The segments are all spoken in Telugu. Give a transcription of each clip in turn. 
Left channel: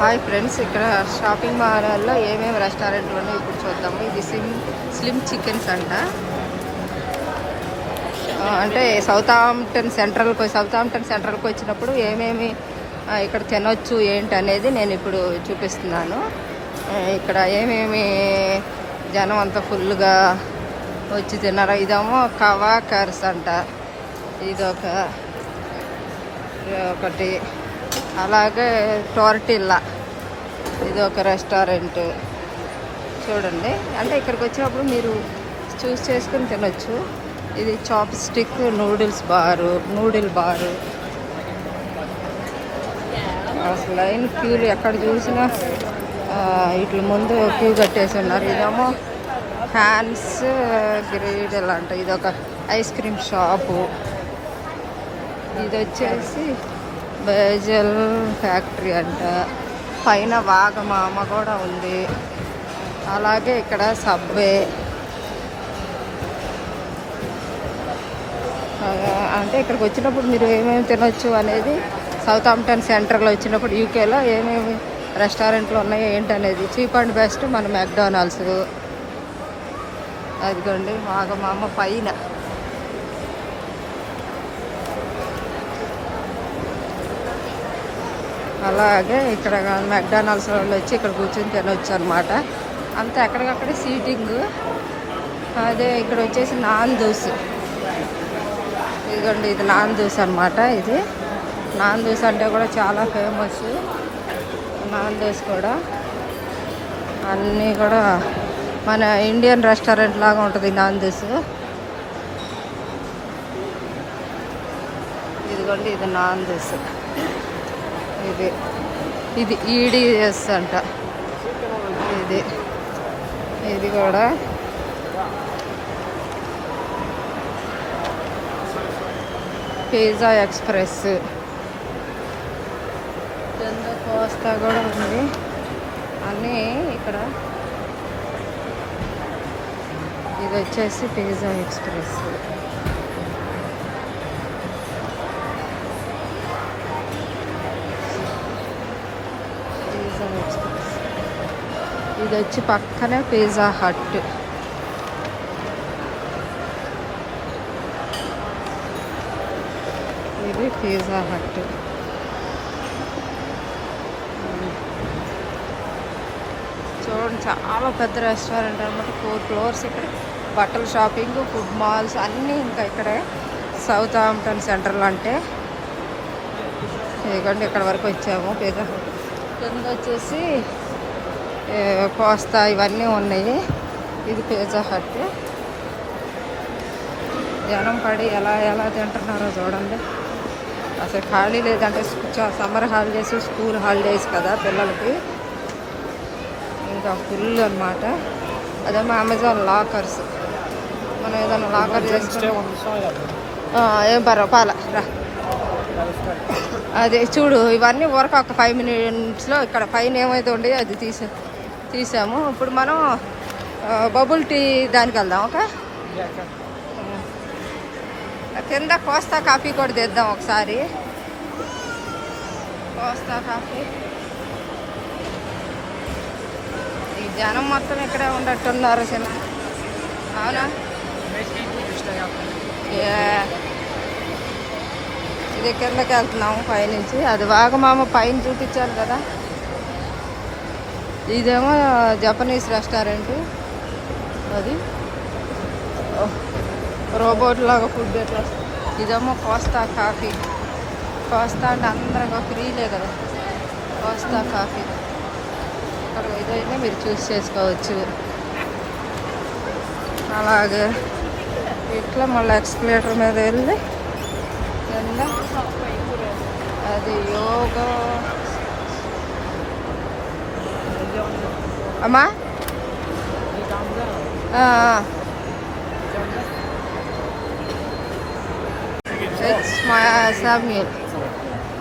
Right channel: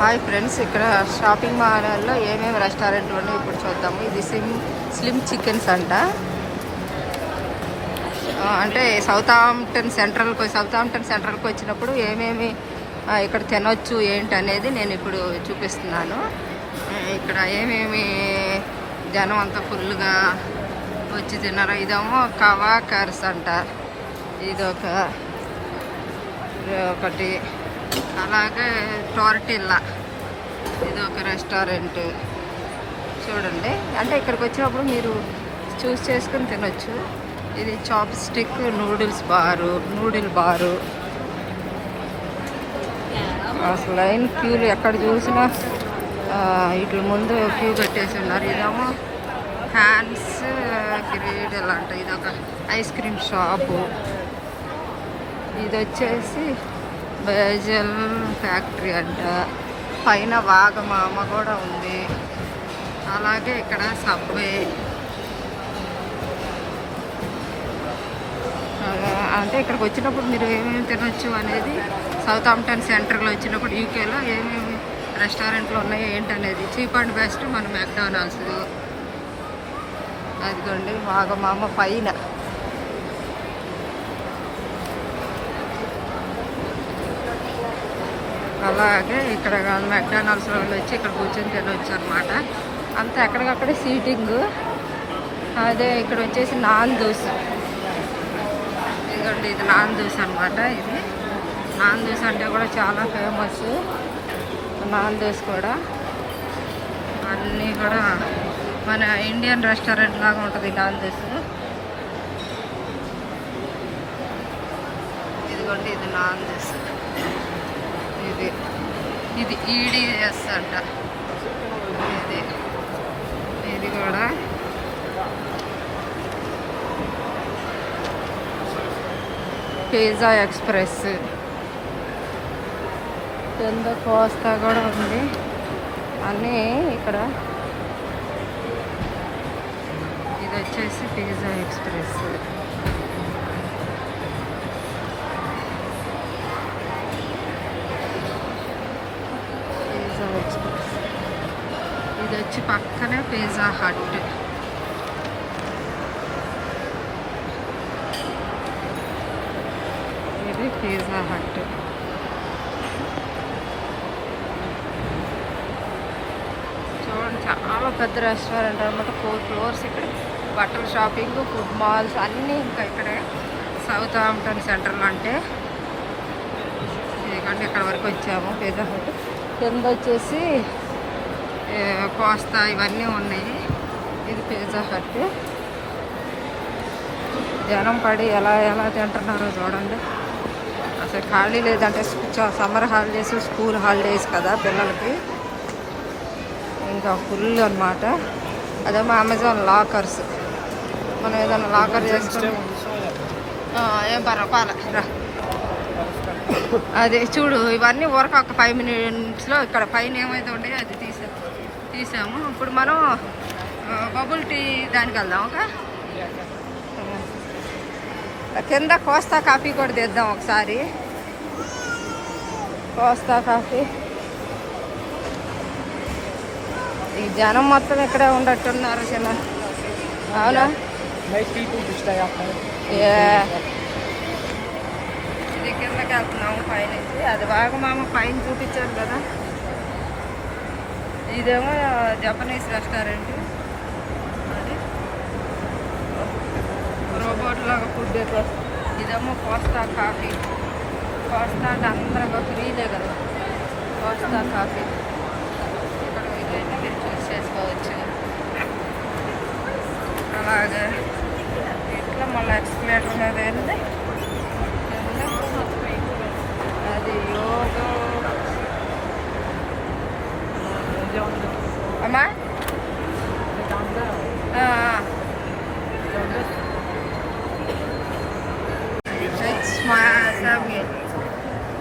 హాయ్ ఫ్రెండ్స్, ఇక్కడ షాపింగ్ మాల్లో ఏమేమి రెస్టారెంట్లు ఉన్నాయో ఇప్పుడు చూద్దాము. ఇది స్లిమ్ చికెన్స్ అంట. అంటే సౌత్ ఆంప్టన్ సెంట్రల్కి వచ్చినప్పుడు ఏమేమి ఇక్కడ తినొచ్చు ఏంటి అనేది నేను ఇప్పుడు చూపిస్తున్నాను. ఇక్కడ ఏమేమి జనం అంతా ఫుల్గా వచ్చి తిన్నారు. ఇదేమో కవా కర్స్ అంట. ఒకటి అలాగే టోర్టిల్లా, ఇది ఒక రెస్టారెంట్ చూడండి. అంటే ఇక్కడికి వచ్చినప్పుడు మీరు చూస్ చేసుకుని తినొచ్చు. ఇది చాప్ స్టిక్ నూడిల్ బారు. అసలు లైన్ క్యూలు ఎక్కడ చూసినా ఇట్ల ముందు క్యూ కట్టేసి ఉన్నారు. ఇదేమో హ్యాండ్స్ గ్రీడల్ అంట. ఇది ఒక ఐస్ క్రీమ్ షాపు. ఇది వచ్చేసి బేజల్ ఫ్యాక్టరీ అంట. పైన వాగమామ కూడా ఉంది. అలాగే ఇక్కడ సబ్వే, అంటే ఇక్కడికి వచ్చినప్పుడు మీరు ఏమేమి తినొచ్చు అనేది సౌత్ ఆంప్టన్ సెంటర్లో వచ్చినప్పుడు యూకేలో ఏమేమి రెస్టారెంట్లు ఉన్నాయో ఏంటనేది చీప్ అండ్ బెస్ట్ మన మెక్డానల్డ్స్. అదిగోండి వాగమామ పైన. అలాగే ఇక్కడ మెక్డానల్డ్స్ వాళ్ళు వచ్చి ఇక్కడ కూర్చొని తినవచ్చు అనమాట. అంతా ఎక్కడికక్కడే సీటింగ్. అదే ఇక్కడ వచ్చేసి నాన్ దోశ. ఇదిగోండి, ఇది నాన్ దోశ అనమాట. ఇది నాన్ దోశ అంటే కూడా చాలా ఫేమస్. నాన్ దోశ కూడా అన్నీ కూడా మన ఇండియన్ రెస్టారెంట్ లాగా ఉంటుంది నాన్ దోశ. ఇదిగోండి, ఇది నాన్ దోశ. ఇది ఈడిఎస్ అంట. ఇది కూడా పిజ్జా ఎక్స్ప్రెస్. కింద కోస్తా కూడా ఉంది. అన్నీ ఇక్కడ. ఇది వచ్చేసి పిజ్జా ఎక్స్ప్రెస్. ఇది వచ్చి పక్కనే పిజ్జా హట్. ఇది పిజ్జా హట్. చూడండి, చాలా పెద్ద రెస్టారెంట్ అనమాట. 4 floors. ఇక్కడ బట్టల షాపింగ్, ఫుడ్ మాల్స్ అన్నీ ఇంకా ఇక్కడే సౌత్ ఆంప్టన్ సెంటర్లో. అంటే ఇదిగోండి, ఇక్కడ వరకు వచ్చాము. పిజ్జా హట్ కింద వచ్చేసి కోస్తా ఇవన్నీ ఉన్నాయి. ఇది పిజ్జా హట్. జనం పడి ఎలా తింటున్నారో చూడండి. అసలు ఖాళీ లేదంటే సమ్మర్ హాలిడేస్, స్కూల్ హాలిడేస్ కదా పిల్లలకి, ఇంకా ఫుల్ అనమాట. అదేమో అమెజాన్ లాకర్స్. మనం ఏదైనా లాకర్ చేసుకుని ఏం పర్వాల రా. అదే చూడు, ఇవన్నీ వరకు ఒక 5 minutesలో ఇక్కడ పైన ఏమైతే ఉండేది అది తీసాము. ఇప్పుడు మనం బబుల్ టీ దానికి వెళ్దాం. ఓకే, కింద కోస్తా కాఫీ కూడా తెద్దాం ఒకసారి. కోస్తా కాఫీ. ఈ జనం మొత్తం ఇక్కడే ఉండట్టున్నారు చిన్న. అవునా? ఇది కిందకి వెళ్తున్నాము పైనుంచి. అది వాగమామ పైన చూపించాను కదా. ఇదేమో జపనీస్ రెస్టారెంట్. అది రోబోట్ లాగా ఫుడ్ ఎట్లా. ఇదేమో కోస్తా కాఫీ. కోస్తా అంటే అందరం ఫ్రీలే కదా. కోస్తా కాఫీ ఇక్కడ ఏదైనా మీరు చూస్ చేసుకోవచ్చు. అలాగే ఇట్లా మళ్ళీ ఎక్స్ప్లేటర్ మీద వెళ్ళి అది యోగా. అమ్మా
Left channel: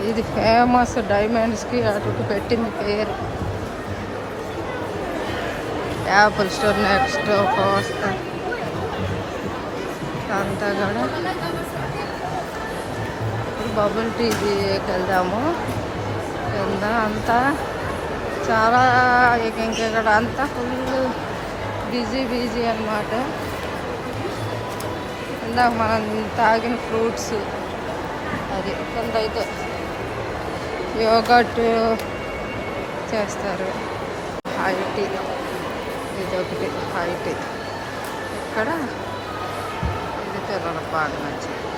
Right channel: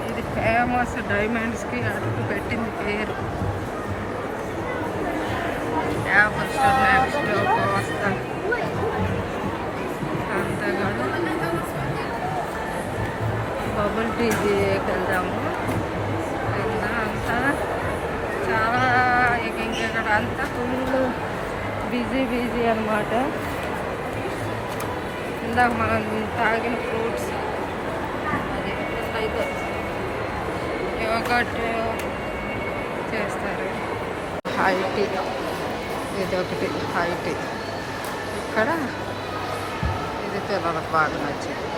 ఇది ఫేమస్. డైమండ్స్కి అటుకు పెట్టింది పేరు. యాపిల్ స్టోర్ నెక్స్ట్ కోస్తా అంతా కూడా. బబుల్ టీకి వెళ్దాము. కింద అంతా చాలా ఇక్కడ అంతా ఫుల్ బిజీ బిజీ అనమాట. ఇందాక మనం తాగిన ఫ్రూట్స్ అది కొంతైతే యోగట్ చేస్తారు. హై టీ ఇదొకటి హై టీ. ఇక్కడ ఇది పిల్లలకు బాగా నచ్చింది.